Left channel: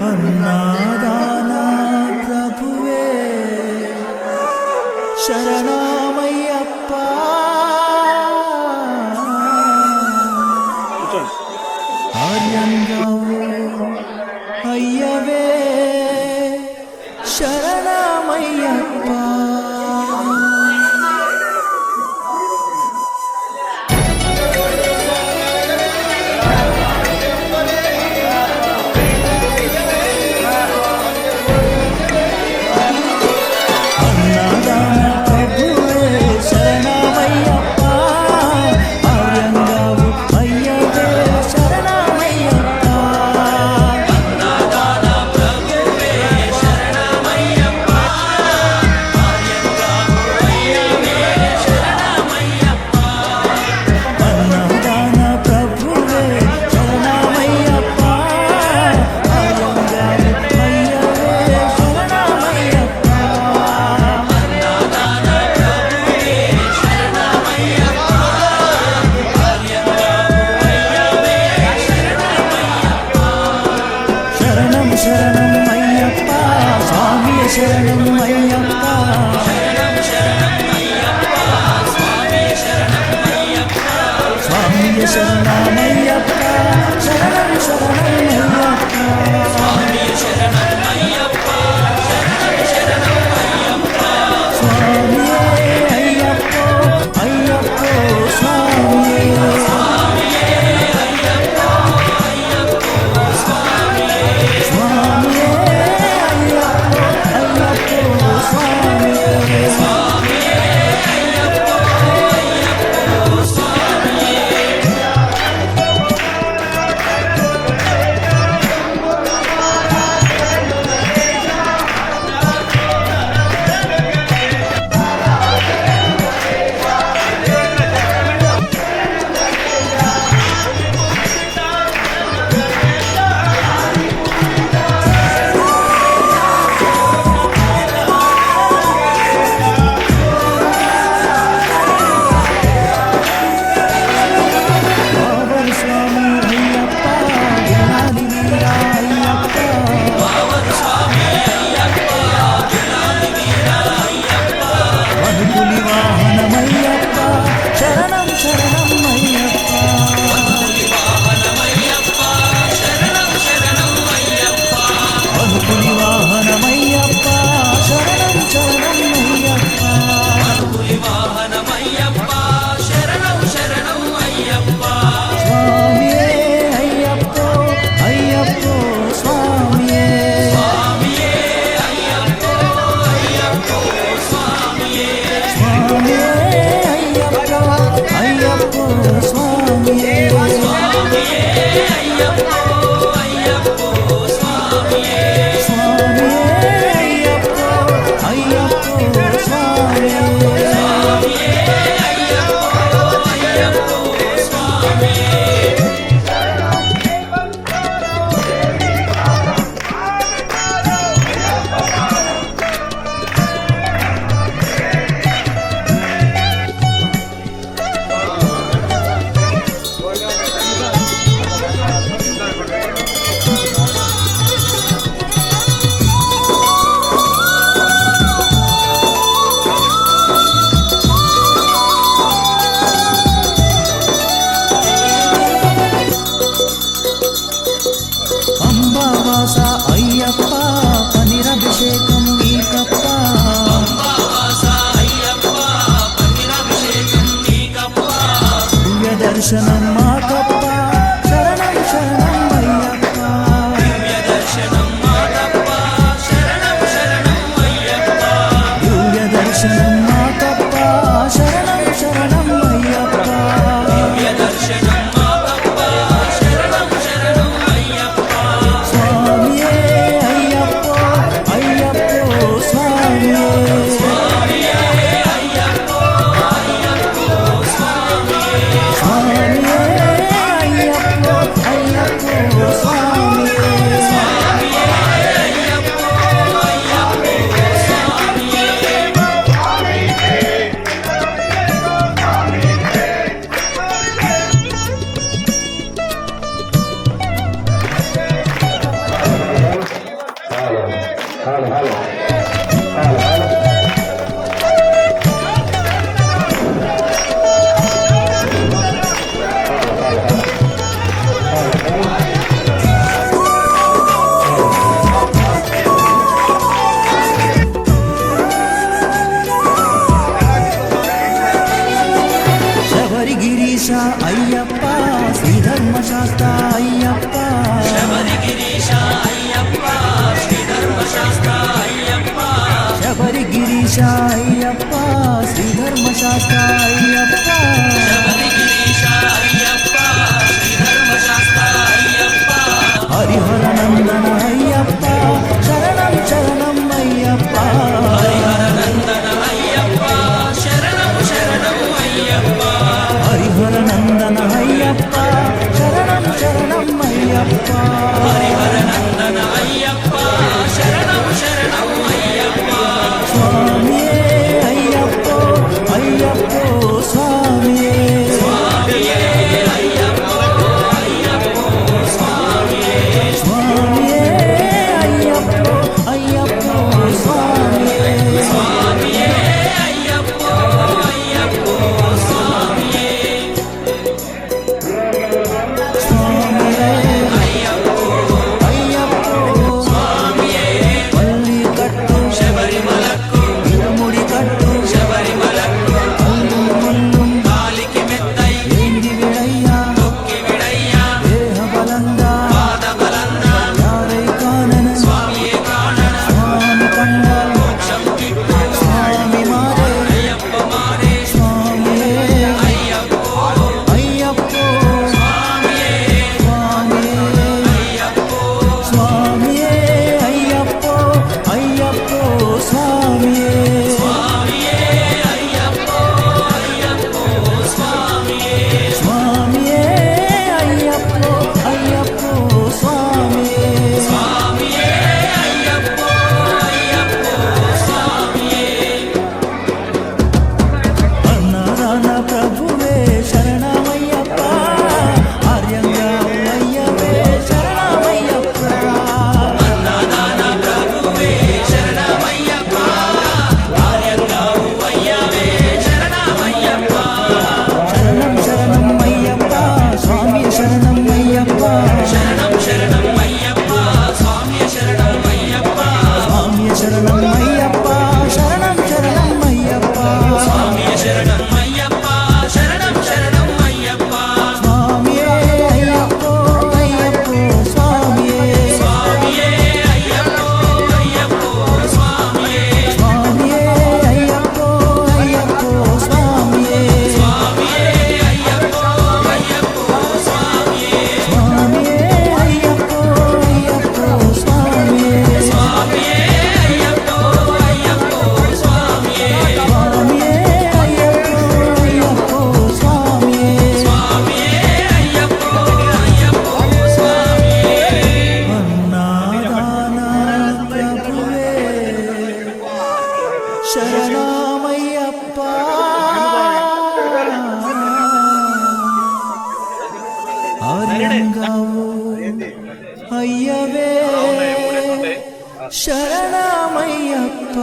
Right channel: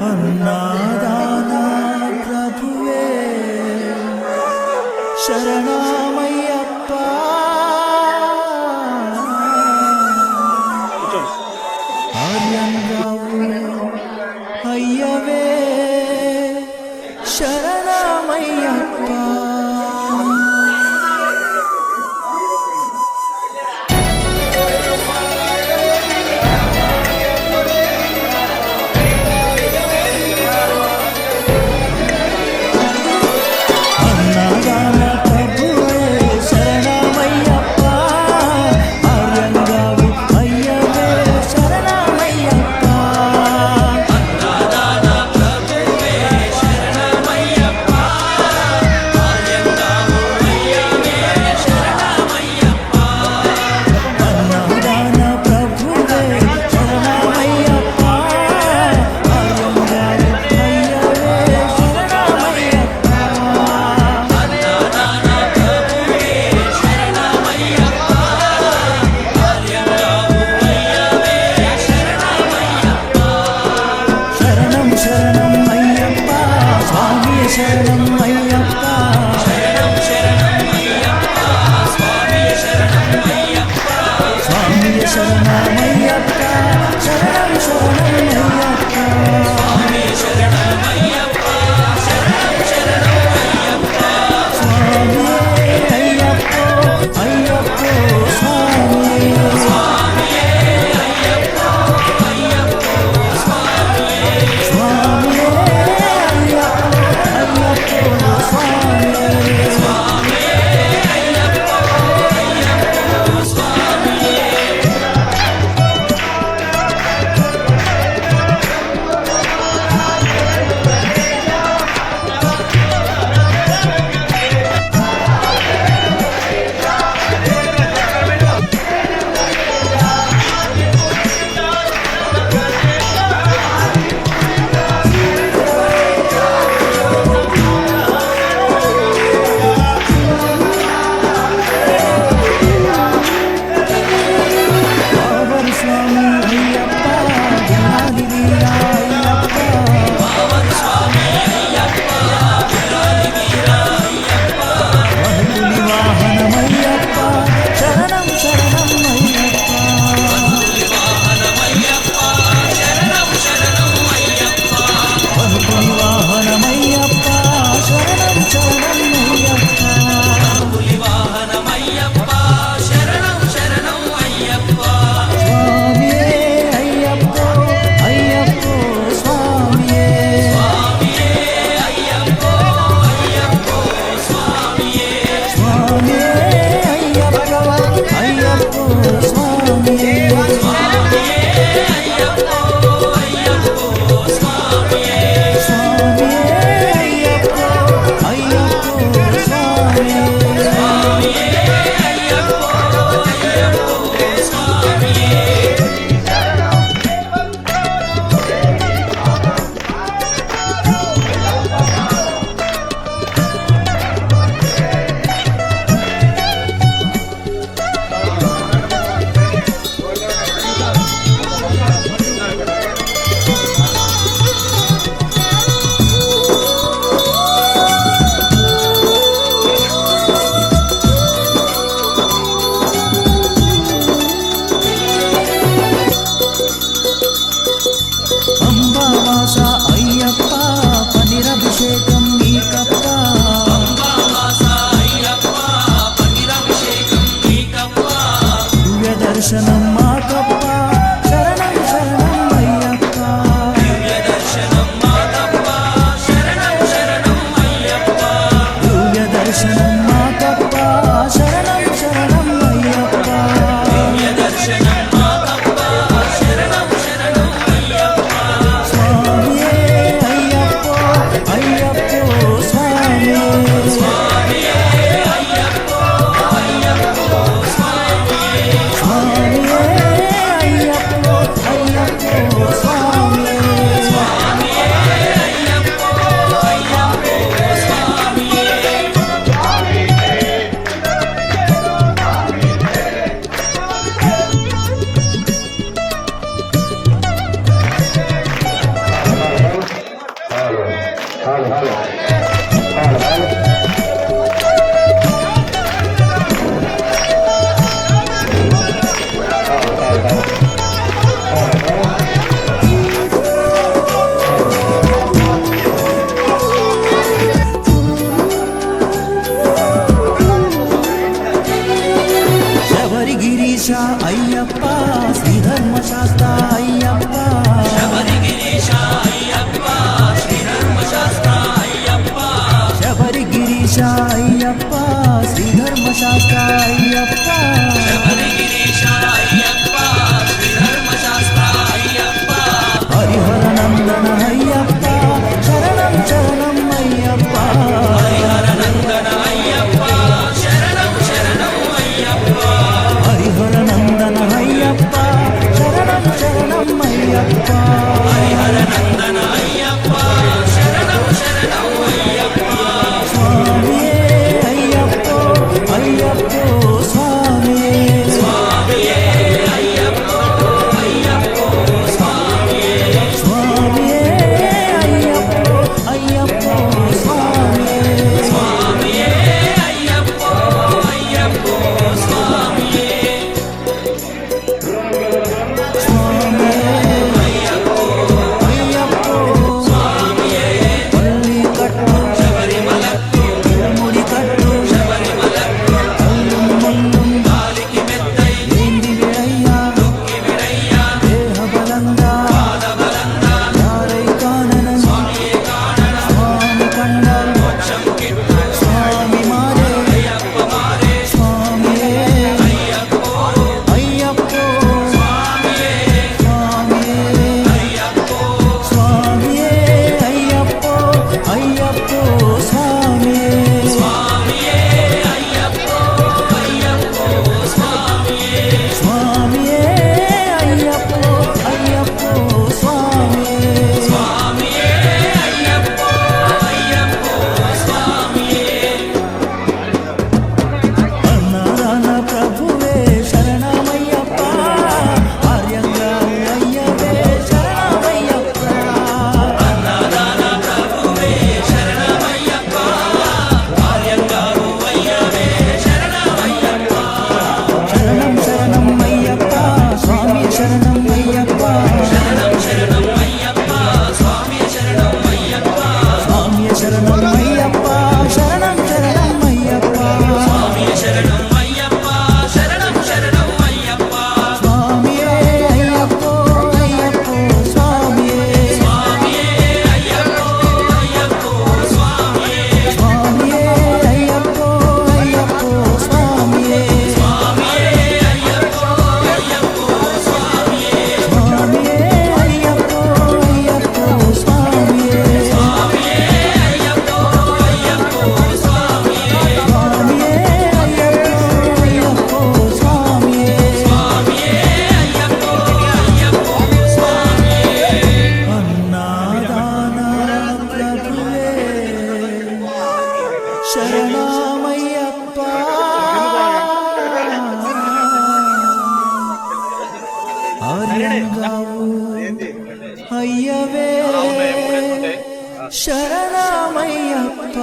అన్నాదాన ప్రభువే శరణమయ్యప్ప ఆర్యంగావు అయ్యవే శరణమయ్యప్ప అన్నదాన ప్రభువే శరణమయ్యప్ప ఆర్యంగావు అయ్యవే శరణమయ్యప్ప అన్నదాన ప్రభువే శరణమయ్యప్ప ఆర్యంగావు అయ్యవే శరణమయ్యప్ప అన్నదాన ప్రభువే శరణమయ్యప్ప ఆర్యంగావు అయ్యవే శరణమయ్యప్ప శరణం శరణం అయ్యప్ప స్వామియ శరణం అయ్యప్ప స్వామియ శరణమయ్యప్ప శరణం శరణమయ్యప్ప స్వామియే అయ్యప్పో అయ్యప్పో స్వామియే స్వామియే అయ్యప్పో అయ్యప్పో స్వామియే వావరు స్వామి అయ్యప్ప గిల్లాలి వీరా అయ్యప్ప వనుకులి వాహనమయ్యప్ప శరణం శరణం అయ్యప్ప వనుకులి వాహనమయ్యప్ప శరణం శరణం అయ్యప్ప స్వామియే అయ్యప్పో అయ్యప్పో స్వామియే స్వామియే అయ్యప్పో అయ్యప్పో స్వామియే స్వామియే అయ్యప్పో అయ్యప్పో స్వామియే అంబావాస అయ్యప్ప పనిరభిషేకం నీకప్ప దివ్య దర్శనం మాకప్ప శరణం శరణం అయ్యప్ప దివ్య దర్శనం మాకప్ప శరణం శరణం అయ్యప్ప స్వామియే అయ్యప్పో అయ్యప్పో స్వామియే స్వామియే అయ్యప్పో అయ్యప్పో స్వామియే శబరిగిరీశ అయ్యప్ప శ్రీధర్మశాస్త్ర అయ్యప్ప శబరిగిరీశ అయ్యప్ప శ్రీధర్మశాస్త్ర అయ్యప్ప శబరిగిరీశ అయ్యప్ప శ్రీధర్మశాస్త్ర అయ్యప్ప శబరిగిరీశ అయ్యప్ప శ్రీధర్మశాస్త్ర అయ్యప్ప హరిహర నందన అయ్యప్ప శరణం శరణం అయ్యప్ప నందన అయ్యప్ప శరణం శరణం అయ్యప్ప హరిహర నందన అయ్యప్ప శరణం శరణం అయ్యప్ప నందన అయ్యప్ప శరణం శరణం అయ్యప్ప స్వామియే అయ్యప్పో అయ్యప్పో స్వామియే స్వామియే అయ్యప్ప అయ్యప్ప స్వామియే స్వామియే అయ్యప్పో అయ్యప్పో స్వామియే స్వామియే అయ్యప్ప అయ్యప్ప స్వామియే స్వామియే అయ్యప్పో స్వామియే పల్లి కట్టు శబరిమలకు ఇరుముడి కట్టు శబరిమలకు అల్లుం ముల్లుం కాలికి మెత్తై ఏంది విడయ్యా తొక్కి విడయ్యా దేహ బలంగా పాదబలంగా యారై కానన స్వామియే కాణన స్వామి కండాల్ మోక్షం కిట్టు స్వామి మారే అయ్యప్ప మారే స్వామియే అయ్యప్ప అయ్యప్పో స్వామియే స్వామియే అయ్యప్ప స్వామియే అయ్యప్పో అయ్యప్పో స్వామియే స్వామియే అయ్యప్ప అయ్యప్ప స్వామియే స్వామియే అయ్యప్పో అయ్యప్పో స్వామియే స్వామియే అయ్యప్ప అయ్యప్ప స్వామియే అన్నారాన ప్రభువే శరణమయ్యప్ప ఆర్యంగా అయ్యవే శరణమయ్యప్ప అన్నదాన ప్రభువే శరణమయ్యప్ప కార్యంగావు అయ్యవే శరణమయ్యప్ప శరణం శరణం అయ్యప్ప స్వామి శరణం అయ్యప్ప శరణం శరణం అయ్యప్ప స్వామి శరణం అయ్యప్ప స్వామి శరణం అయ్యప్ప శరణం శరణం అయ్యప్ప స్వామి శరణం అయ్యప్ప శరణం శరణం అయ్యప్ప స్వామియే అయ్యప్పో అయ్యప్పో స్వామియే స్వామియే అయ్యప్ప అయ్యప్ప స్వామియే స్వామియే అయ్యప్పో అయ్యప్పో స్వామియే స్వామియే అయ్యప్ప అయ్యప్ప స్వామియే స్వామియే అయ్యప్పో అయ్యప్పో స్వామియే స్వామియే అయ్యప్ప అయ్యప్ప స్వామియే స్వామియే అయ్యప్పో అయ్యప్పో స్వామియే స్వామియే అయ్యప్ప అయ్యప్ప స్వామియే అన్నాదాన ప్రభువే శరణమయ్యప్ప ఆర్యంగావు అయ్యవే శరణమయ్యప్ప